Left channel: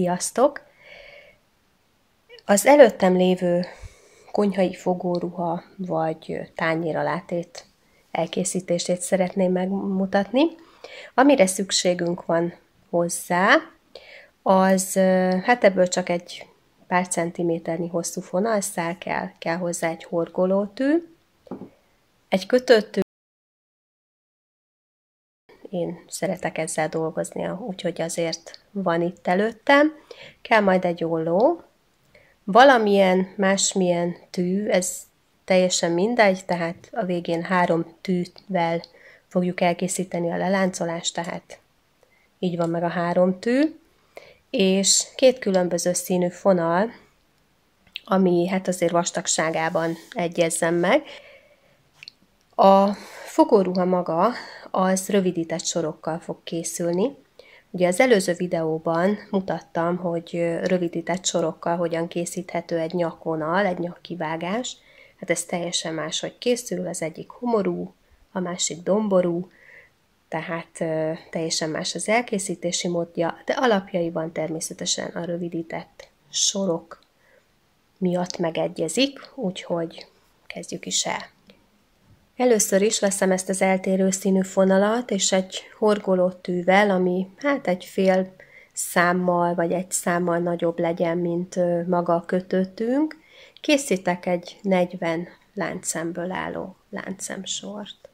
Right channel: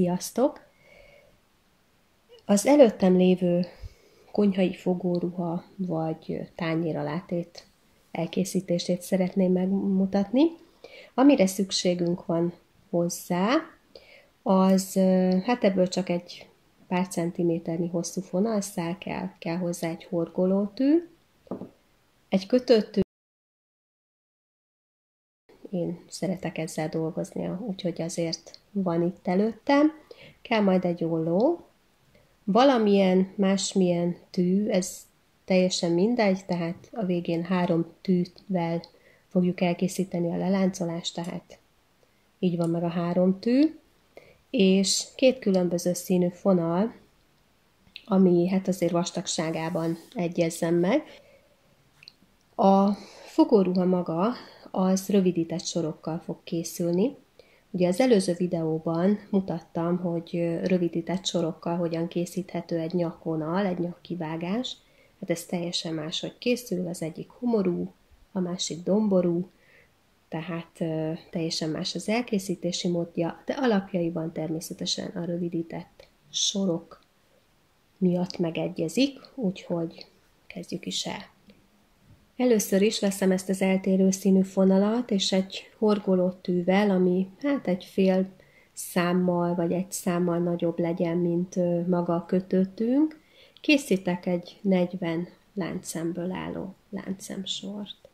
Sziasztok! Az előttem lévő konyhai fogóruha vagy tányéralátét elkészítését szeretném megmutatni. Amire szükségünk van hozzá, az hát ebből csak egy pár centiméternyi hosszú fonalszál kell hozzá, egy horgolótű, egy kötőtű. Én szeretek ezzel dolgozni, úgyhogy azért van itt előttem. Kell majd egy olló, valamilyen másmilyen tű, ez teljesen mindegy, tehát a végén 3 tűvel fogjuk elkészíteni a leláncolást, tehát így van meg a 3 tű, és 2 különböző színű fonal, ami hát azért vastagságában egyezzen meg. A fogóruha maga az rövidített sorokkal fog készülni. Ugye az előző videóban mutattam, hogy rövidített sorokkal hogyan készíthető egy nyakvonal, egy nyakkivágás. Hát ez teljesen máshogy készül, az egyik homorú, a másik domború, tehát teljesen más az elkészítési módja, de alapjaiban természetesen a rövidített sorok miatt megegyezik, úgyhogy kezdjük is el. Először is veszem ezt az eltérő színű fonalat, és egy horgolótűvel, ami hát egy fél számmal, vagy egy számmal nagyobb legyen, mint maga a kötőtűnk, készítek egy 40 láncszemből álló láncszemsort.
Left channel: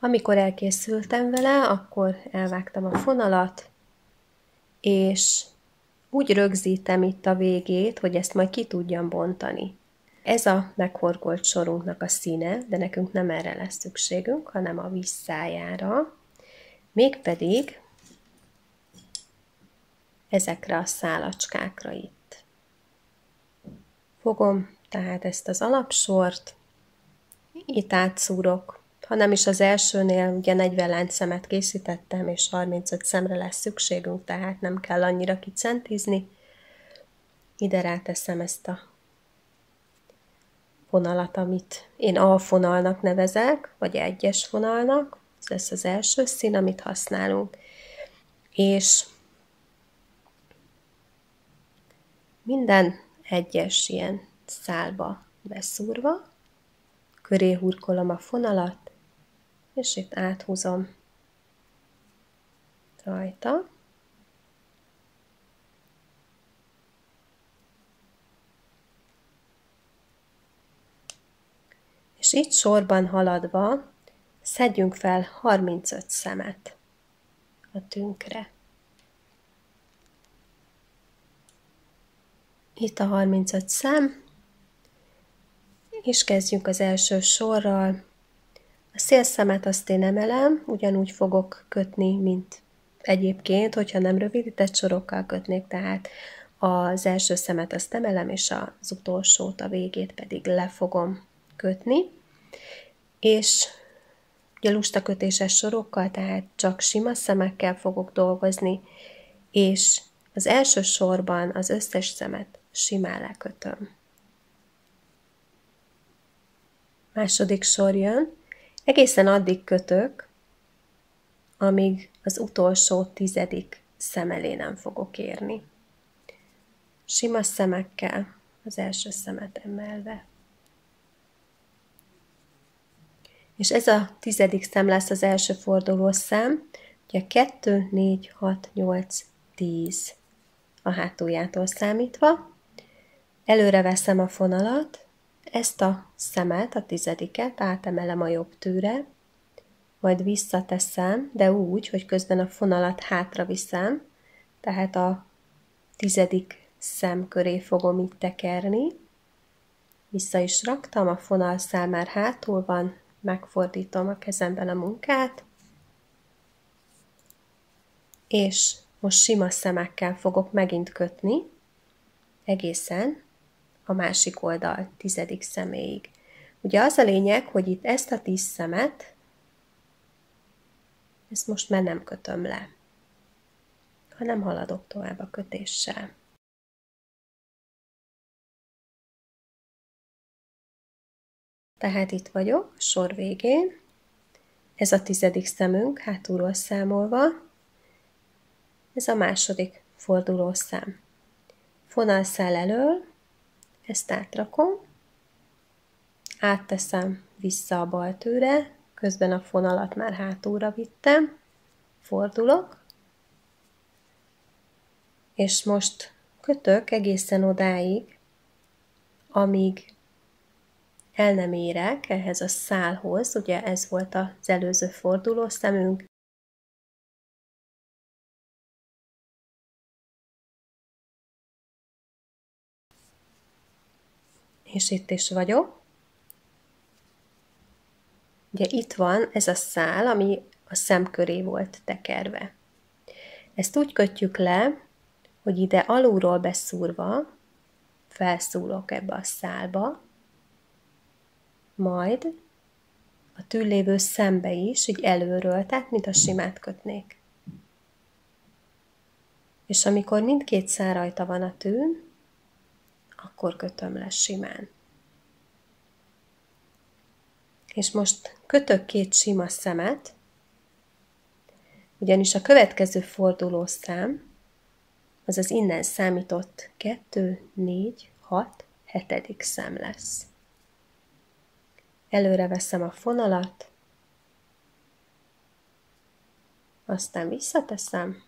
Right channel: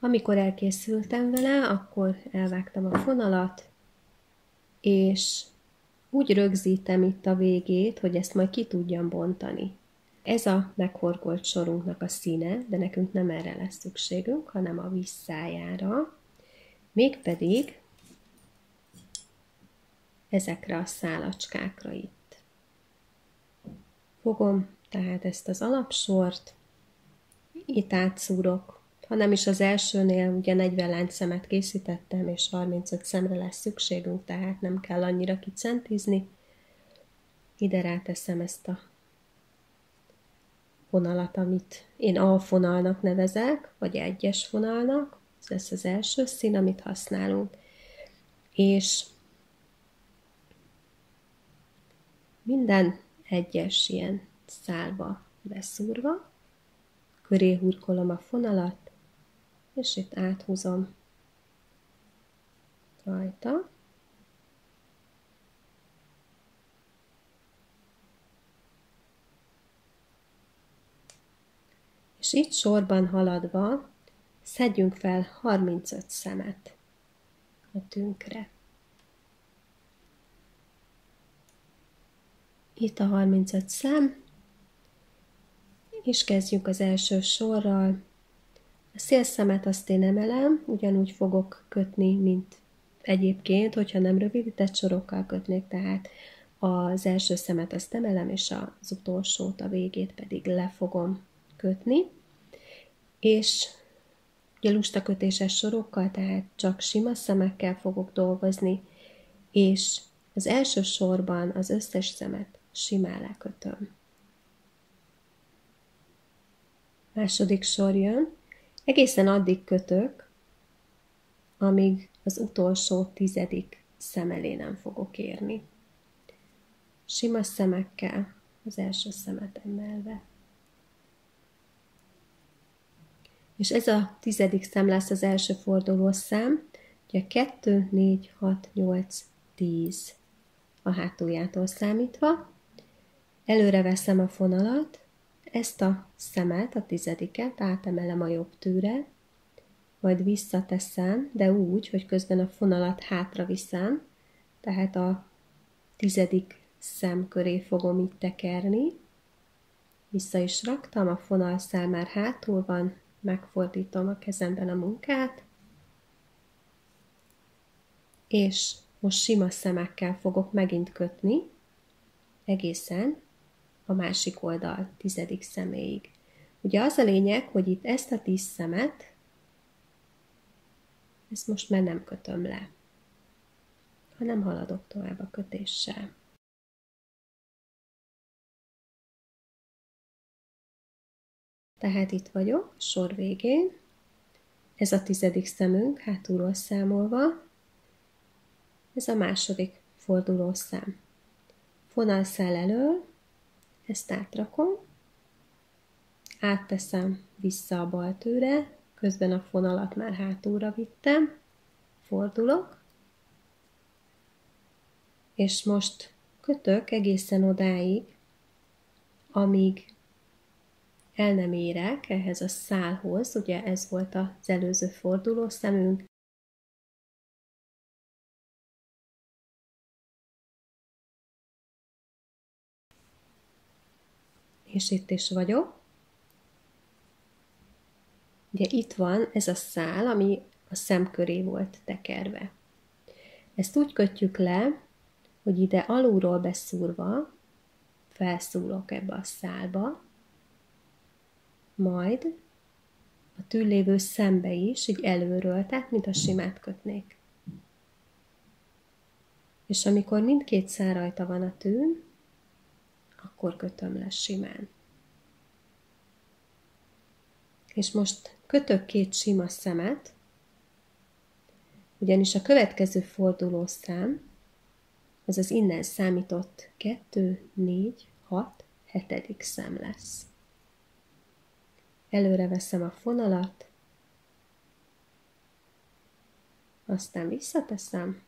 Amikor elkészültem vele, akkor elvágtam a fonalat, és úgy rögzítem itt a végét, hogy ezt majd ki tudjam bontani. Ez a meghorgolt sorunknak a színe, de nekünk nem erre lesz szükségünk, hanem a visszájára. Mégpedig ezekre a szálacskákra itt. Fogom tehát ezt az alapsort, itt átszúrok, ha nem is az elsőnél, ugye 40 láncszemet készítettem, és 35 szemre lesz szükségünk, tehát nem kell annyira kicentizni. Ide ráteszem ezt a fonalat, amit én A fonalnak nevezek, vagy egyes fonalnak, ez lesz az első szín, amit használunk. És minden egyes ilyen szálba beszúrva, köré hurkolom a fonalat, és itt áthúzom rajta. És itt sorban haladva szedjünk fel 35 szemet a tünkre. Itt a 35 szem, és kezdjünk az első sorral. A szélszemet azt én emelem, ugyanúgy fogok kötni, mint egyébként, hogyha nem rövidített sorokkal kötnék, tehát az első szemet azt emelem, és az utolsót, a végét pedig le fogom kötni. És ugye lustakötéses sorokkal, tehát csak sima szemekkel fogok dolgozni, és az első sorban az összes szemet simán lekötöm. Második sor jön, egészen addig kötök, amíg az utolsó 10. szem elé nem fogok érni. Sima szemekkel az első szemet emelve. És ez a 10. szem lesz az első forduló szám, ugye 2, 4, 6, 8, 10 a hátuljától számítva. Előre veszem a fonalat, ezt a szemet, a 10. átemelem a jobb tűre, majd visszateszem, de úgy, hogy közben a fonalat hátra viszem, tehát a 10. szem köré fogom itt tekerni. Vissza is raktam, a fonalszál már hátul van, megfordítom a kezemben a munkát, és most sima szemekkel fogok megint kötni, egészen a másik oldal 10. szeméig. Ugye az a lényeg, hogy itt ezt a 10 szemet, ezt most már nem kötöm le, hanem haladok tovább a kötéssel. Tehát itt vagyok, a sor végén, ez a 10. szemünk, hátulról számolva, ez a második fordulószám. Fonalszál elől, ezt átrakom, átteszem vissza a bal tőre, közben a fonalat már hátulra vittem, fordulok, és most kötök egészen odáig, amíg el nem érek ehhez a szálhoz, ugye ez volt az előző fordulószemünk, és itt is vagyok. Ugye itt van ez a szál, ami a szem köré volt tekerve. Ezt úgy kötjük le, hogy ide alulról beszúrva felszúrok ebbe a szálba, majd a túllévő szembe is, így előről, tehát mint a simát kötnék. És amikor mindkét szál rajta van a tűn, akkor kötöm le simán. És most kötök 2 sima szemet, ugyanis a következő fordulószám, azaz innen számított 2, 4, 6, 7. szám lesz. Előre veszem a fonalat, aztán visszateszem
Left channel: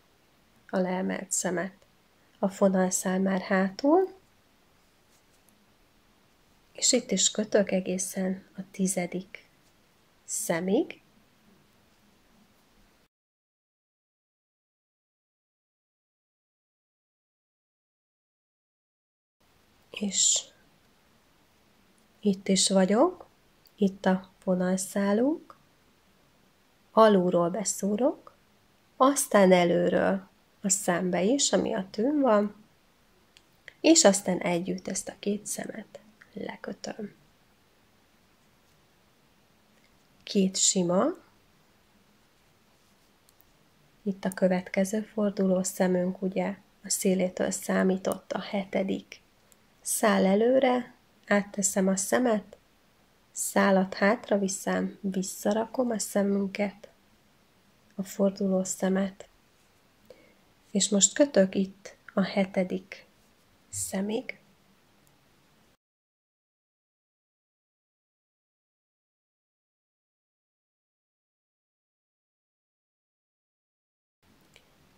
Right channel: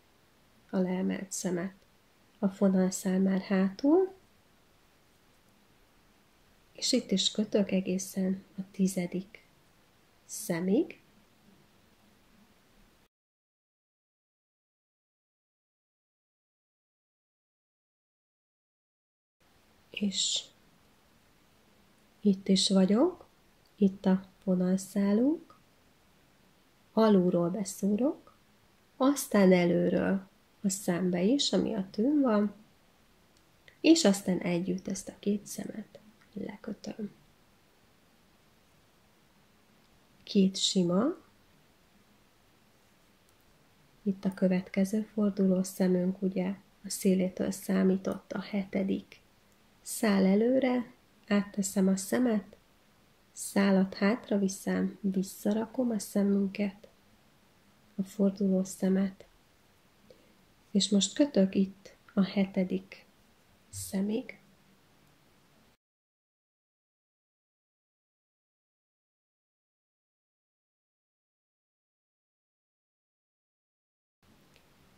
a leemelt szemet. A fonalszál már hátul, és itt is kötök egészen a 10. szemig. És itt is vagyok, itt a fonalszálunk, alulról beszúrok, aztán előről a szembe is, ami a tűn van, és aztán együtt ezt a 2 szemet lekötöm. 2 sima, itt a következő forduló szemünk, ugye a szélétől számított a 7. szál előre, átteszem a szemet, szálat hátra viszem, visszarakom a szemünket, a forduló szemet, és most kötök itt a 7. szemig.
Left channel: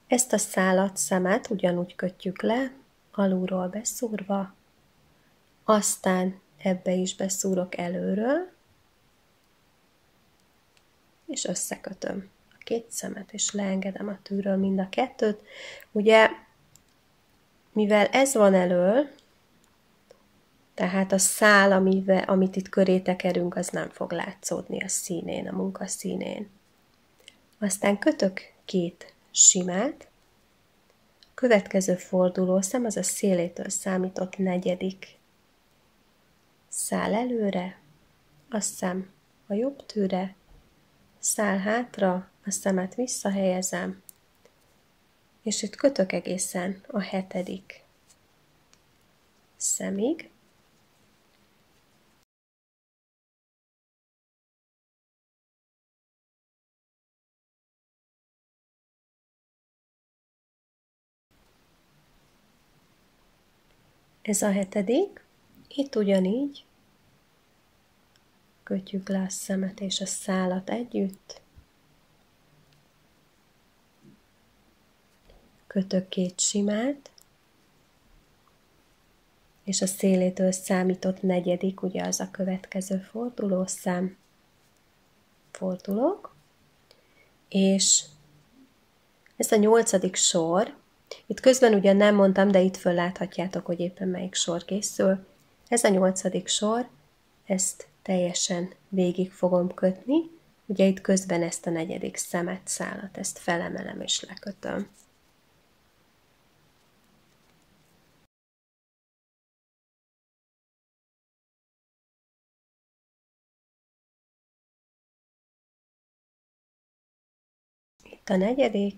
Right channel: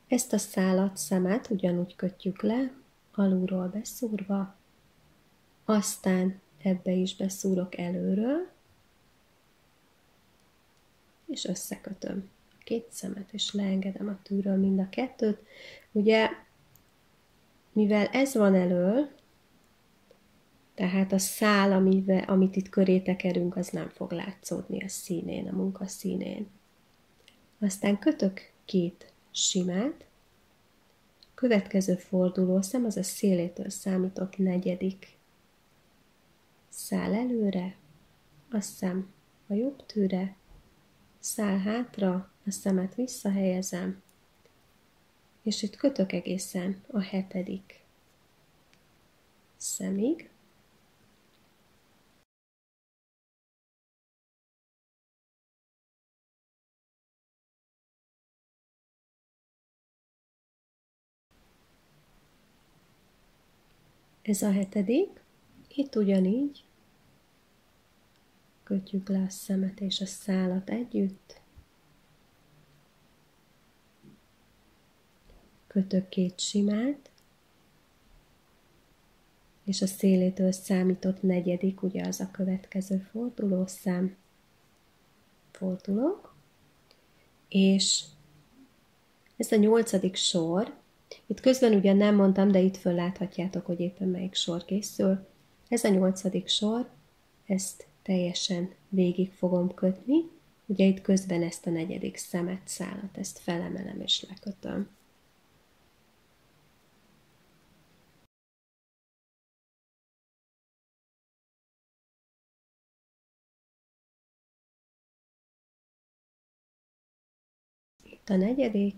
Ezt a szálat, szemet ugyanúgy kötjük le, alulról beszúrva, aztán ebbe is beszúrok előről, és összekötöm a 2 szemet, és leengedem a tűről mind a 2-t. Ugye, mivel ez van elől, tehát a szál, amit itt köré tekerünk, az nem fog látszódni a színén, a munka színén. Aztán kötök 2 simát, következő fordulószám, az a szélétől számított 4. szál előre, a szem a jobb tűre, szál hátra, a szemet visszahelyezem, és itt kötök egészen a 7. szemig. Ez a 7. Itt ugyanígy kötjük le a szemet és a szálat együtt. Kötök 2 simát, és a szélétől számított 4. ugye az a következő fordulószám. Fordulok, és ez a 8. sor, itt közben ugyan nem mondtam, de itt fölláthatjátok, hogy éppen melyik sor készül. Ez a 8. sor, ezt teljesen végig fogom kötni, ugye itt közben ezt a 4. szemet, szálat, ezt felemelem és lekötöm. Itt a 4.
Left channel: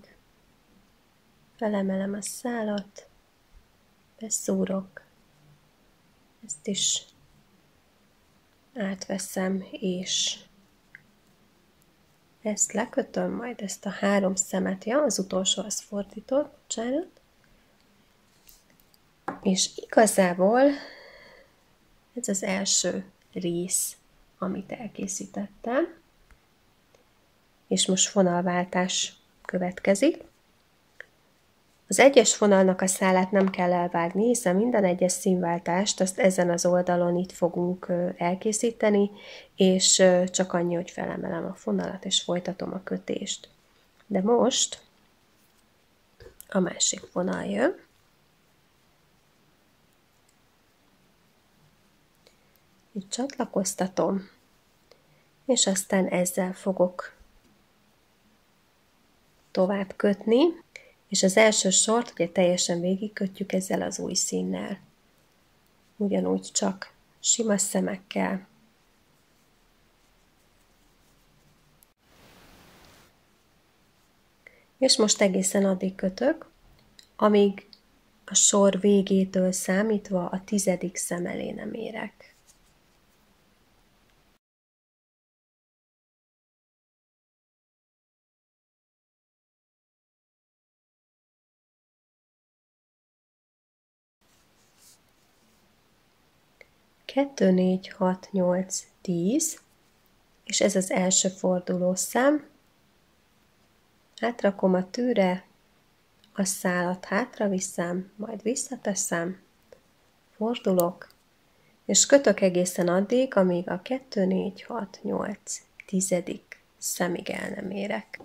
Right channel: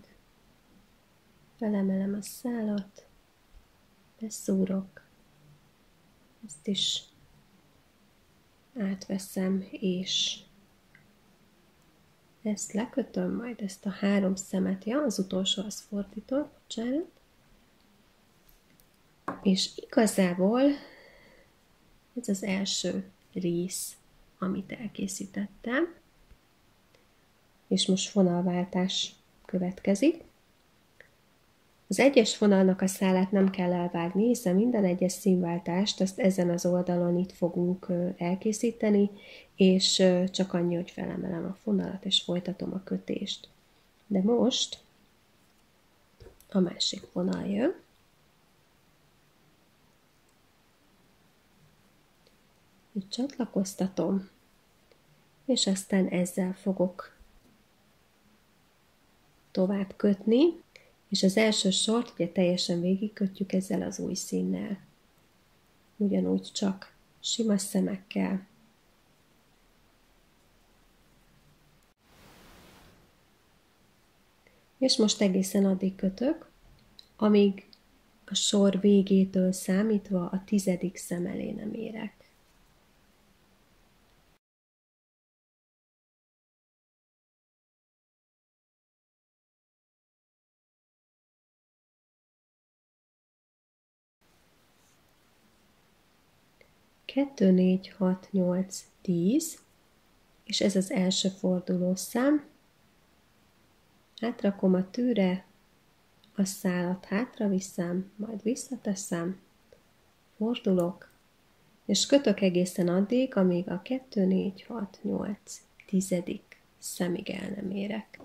felemelem a szálat, beszúrok, ezt is átveszem, és ezt lekötöm, majd ezt a 3 szemet, ja, az utolsó az fordított, bocsánat, És igazából ez az első rész, amit elkészítettem, és most fonalváltás következik. Az egyes fonalnak a szálát nem kell elvágni, hiszen minden egyes színváltást azt ezen az oldalon itt fogunk elkészíteni, és csak annyi, hogy felemelem a fonalat, és folytatom a kötést. De most a másik vonal jön. Itt csatlakoztatom, és aztán ezzel fogok tovább kötni, és az első sort ugye teljesen végigkötjük ezzel az új színnel. Ugyanúgy csak sima szemekkel. És most egészen addig kötök, amíg a sor végétől számítva a 10. szem elé nem érek. Kettő, 4, 6, 8, 10, és ez az első fordulószám. Átrakom a tűre, a szálat hátra viszem, majd visszateszem, fordulok, és kötök egészen addig, amíg a 2, 4, 6, 8, 10. szemig el nem érek.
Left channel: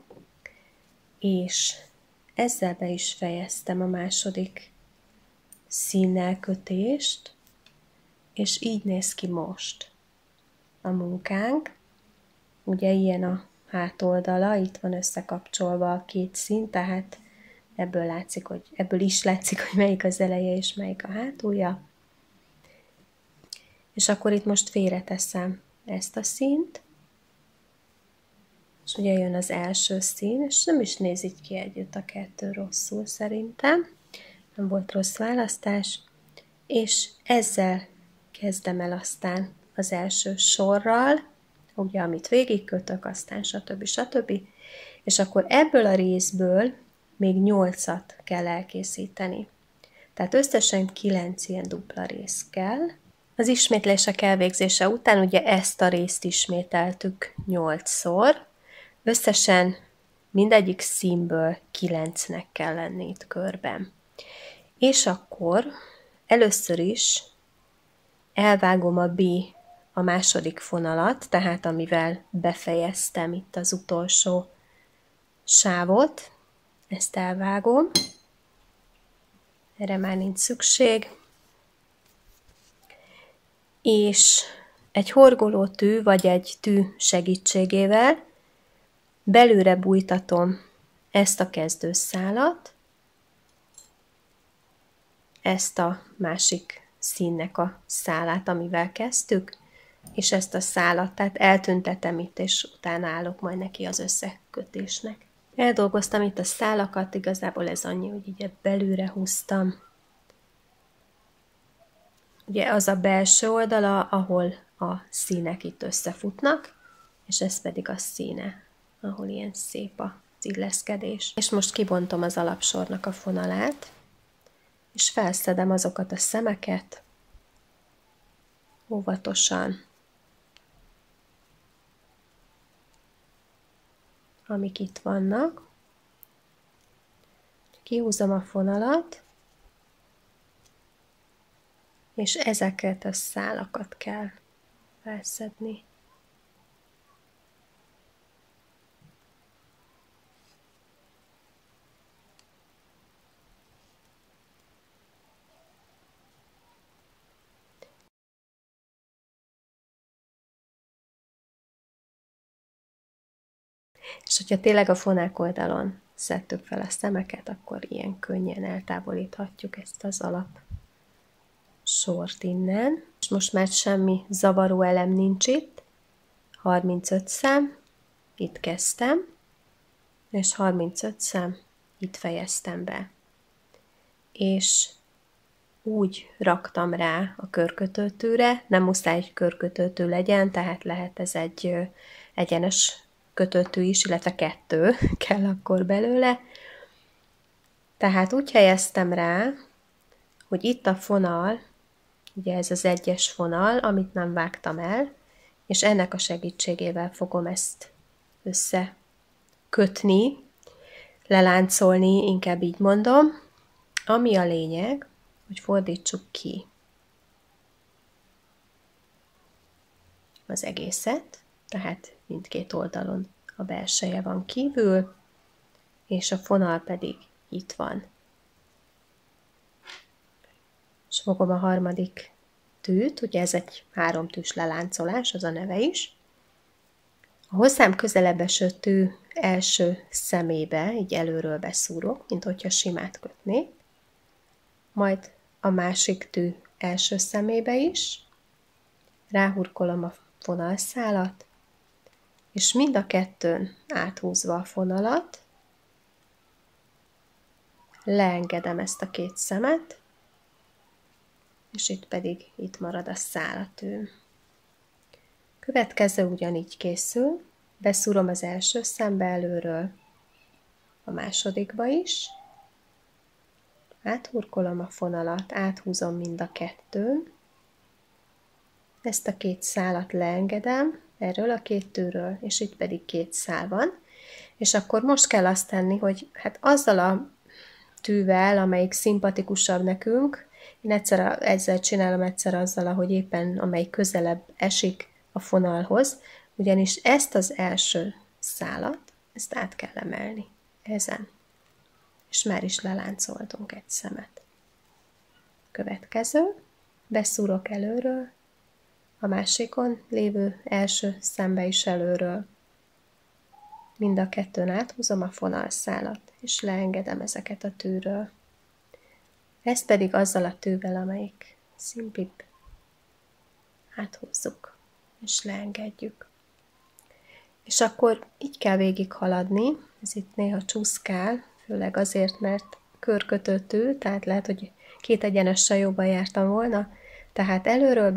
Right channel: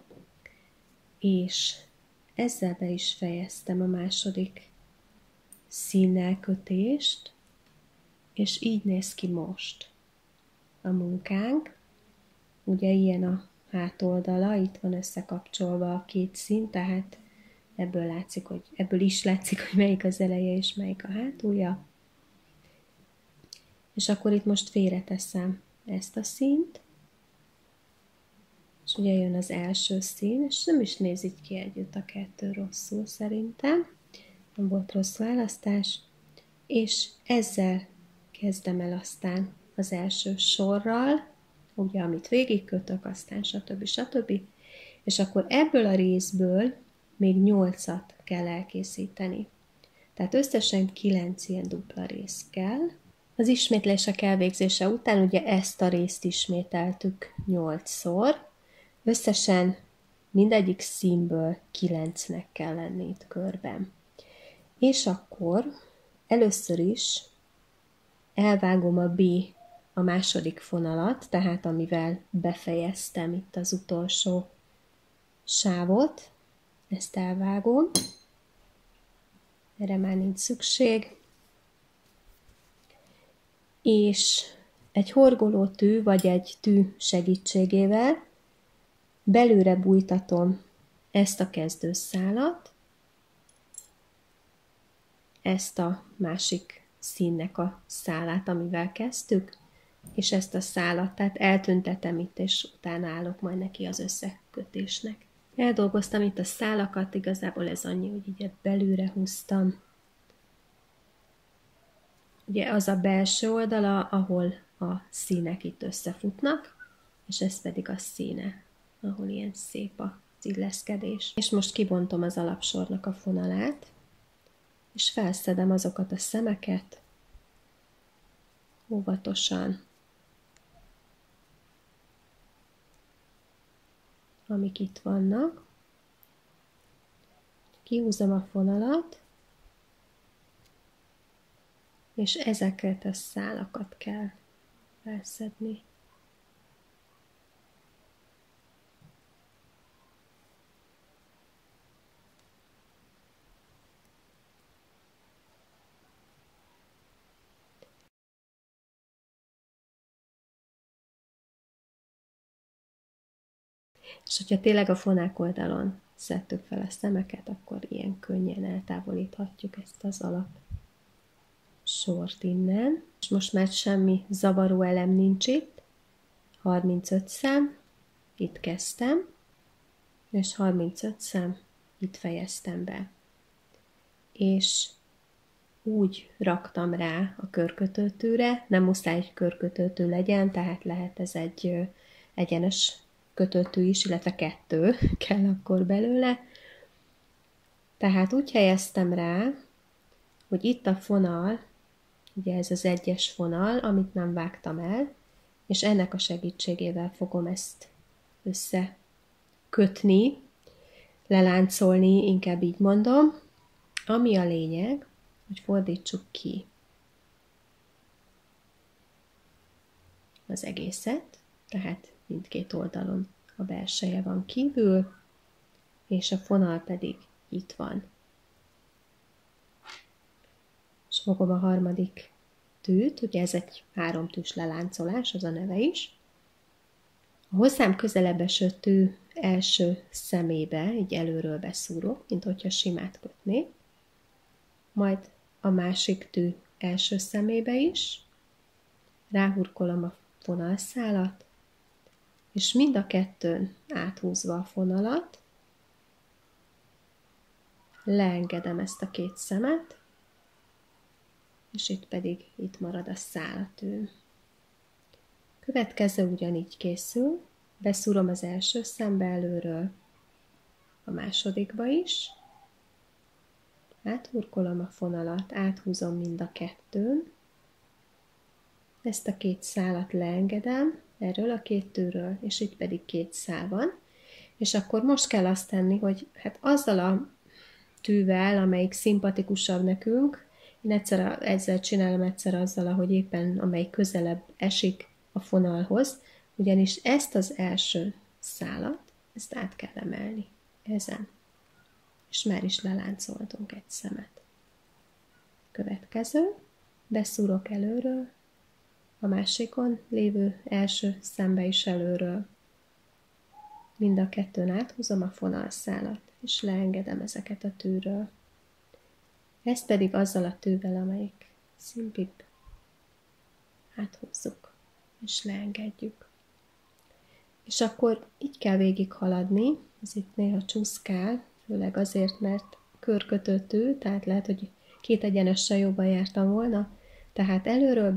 És ezzel be is fejeztem a második színnel kötést, és így néz ki most a munkánk. Ugye ilyen a hátoldala, itt van összekapcsolva a két szín, tehát ebből is látszik, hogy melyik az eleje és melyik a hátulja. És akkor itt most félreteszem ezt a színt, és ugye jön az első szín, és nem is néz így ki együtt a kettő rosszul szerintem. Nem volt rossz választás. És ezzel kezdem el aztán az első sorral, ugye, amit végigkötök, aztán stb. És akkor ebből a részből még 8-at kell elkészíteni. Tehát összesen 9 ilyen dupla rész kell. Az ismétlések elvégzése után ugye ezt a részt ismételtük 8-szor. Összesen mindegyik színből 9-nek kell lenni itt körben. És akkor először is elvágom a a második fonalat, tehát amivel befejeztem itt az utolsó sávot, ezt elvágom, erre már nincs szükség, és egy horgolótű vagy egy tű segítségével belőle bújtatom ezt a kezdőszálat, ezt a másik színnek a szálát, amivel kezdtük, és ezt a szálat, tehát eltüntetem itt, és utána állok majd neki az összekötésnek. Eldolgoztam itt a szálakat, igazából ez annyi, hogy így belülre húztam. Ugye az a belső oldala, ahol a színek itt összefutnak, és ez pedig a színe, ahol ilyen szép az illeszkedés. És most kibontom az alapsornak a fonalát, és felszedem azokat a szemeket óvatosan, amik itt vannak. Kihúzom a fonalat, és ezeket a szálakat kell felszedni. És hogyha tényleg a fonák oldalon szedtük fel a szemeket, akkor ilyen könnyen eltávolíthatjuk ezt az alap sort innen. És most már semmi zavaró elem nincs itt. 35 szám, itt kezdtem, és 35 szám, itt fejeztem be. És úgy raktam rá a körkötőtűre, nem muszáj egy körkötőtű legyen, tehát lehet ez egy egyenes kötőtű is, illetve 2 kell akkor belőle. Tehát úgy helyeztem rá, hogy itt a fonal, ugye ez az egyes fonal, amit nem vágtam el, és ennek a segítségével fogom ezt összekötni, leláncolni, inkább így mondom, ami a lényeg, hogy fordítsuk ki az egészet, tehát mindkét oldalon a belseje van kívül, és a fonal pedig itt van. És fogom a harmadik tűt, ugye ez egy 3 tűs leláncolás, az a neve is. A hozzám közelebb eső tű első szemébe, így előről beszúrok, mint hogyha simát kötnék, majd a másik tű első szemébe is, ráhurkolom a fonalszálat, és mind a kettőn áthúzva a fonalat, leengedem ezt a két szemet, és itt marad a szálatűm. Következő ugyanígy készül, beszúrom az első szembe előről, a másodikba is, áthurkolom a fonalat, áthúzom mind a kettőn, ezt a két szálat leengedem, erről a két tűről, és itt pedig két szál van, és akkor most kell azt tenni, hogy hát azzal a tűvel, amelyik szimpatikusabb nekünk, én ezzel csinálom egyszer azzal, ahogy éppen amelyik közelebb esik a fonalhoz, ugyanis ezt az első szálat, ezt át kell emelni ezen, és már is leláncoltunk egy szemet. Következő, beszúrok előről, a másikon lévő első szembe is előről. Mind a kettőn áthúzom a fonalszálat, és leengedem ezeket a tűről. Ezt pedig azzal a tűvel, amelyik szimpibb, áthúzzuk, és leengedjük. És akkor így kell végig haladni, ez itt néha csúszkál, főleg azért, mert körkötő tű, tehát lehet, hogy két egyenessel jobban jártam volna, tehát előről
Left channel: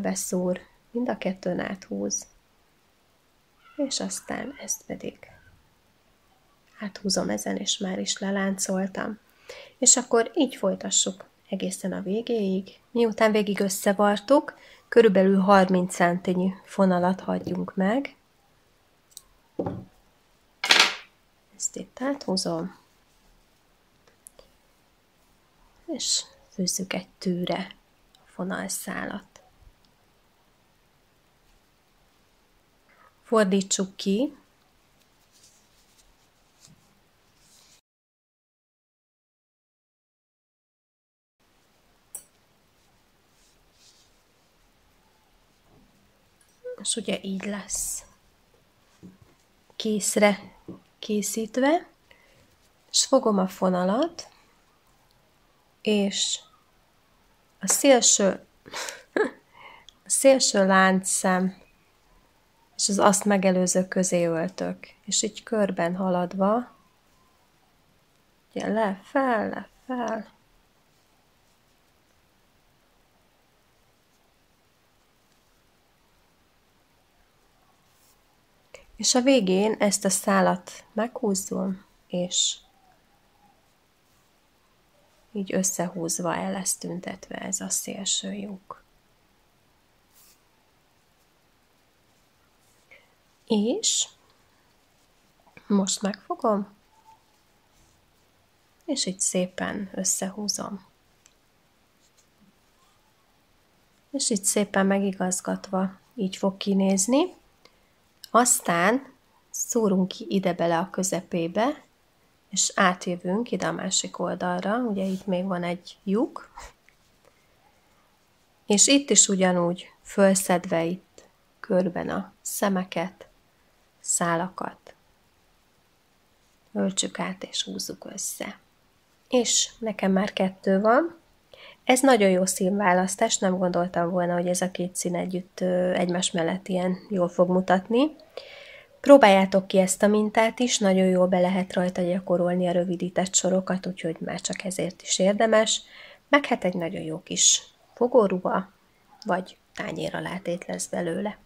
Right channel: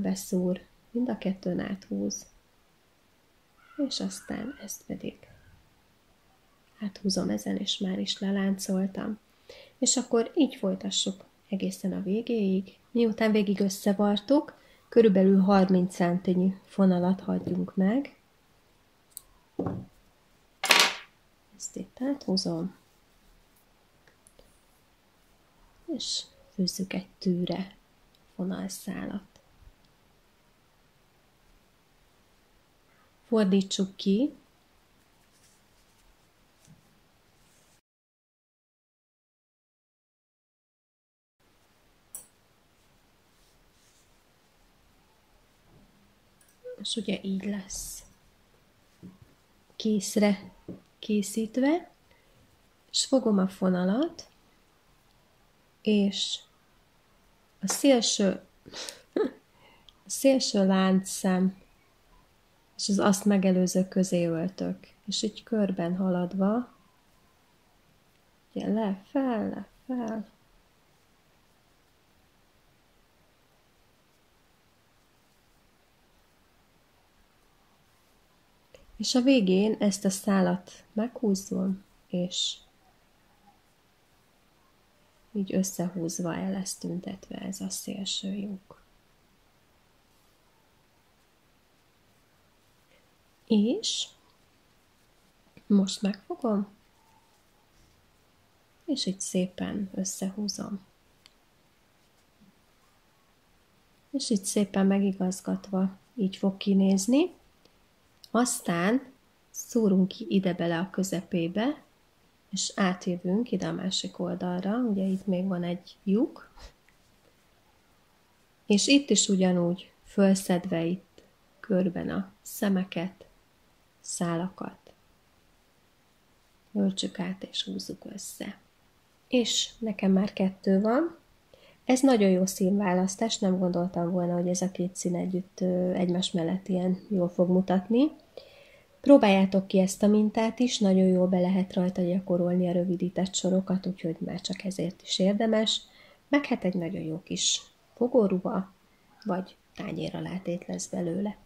beszúr, mind a kettőn áthúz, és aztán ezt pedig áthúzom ezen, és már is leláncoltam. És akkor így folytassuk egészen a végéig. Miután végig összevartuk, körülbelül 30 centnyi fonalat hagyjunk meg. Ezt itt áthúzom, és fűzzük egy tűre a fonalszálat. Fordítsuk ki, és ugye így lesz készre készítve, és fogom a fonalat, és a szélső láncszem és az azt megelőző közé öltök, és így körben haladva, ugye le, fel, és a végén ezt a szálat meghúzom, és így összehúzva el lesz tüntetve ez a szélső lyuk. És most megfogom, és így szépen összehúzom. És így szépen megigazgatva így fog kinézni. Aztán szúrunk ki ide bele a közepébe, és átjövünk ide a másik oldalra, ugye itt még van egy lyuk, és itt is ugyanúgy fölszedve itt körben a szemeket, szálakat, öltsük át és húzzuk össze. És nekem már 2 van. Ez nagyon jó színválasztás, nem gondoltam volna, hogy ez a két szín együtt egymás mellett ilyen jól fog mutatni. Próbáljátok ki ezt a mintát is, nagyon jól be lehet rajta gyakorolni a rövidített sorokat, úgyhogy már csak ezért is érdemes. Meg hát egy nagyon jó kis fogóruha, vagy tányér alátét lesz belőle.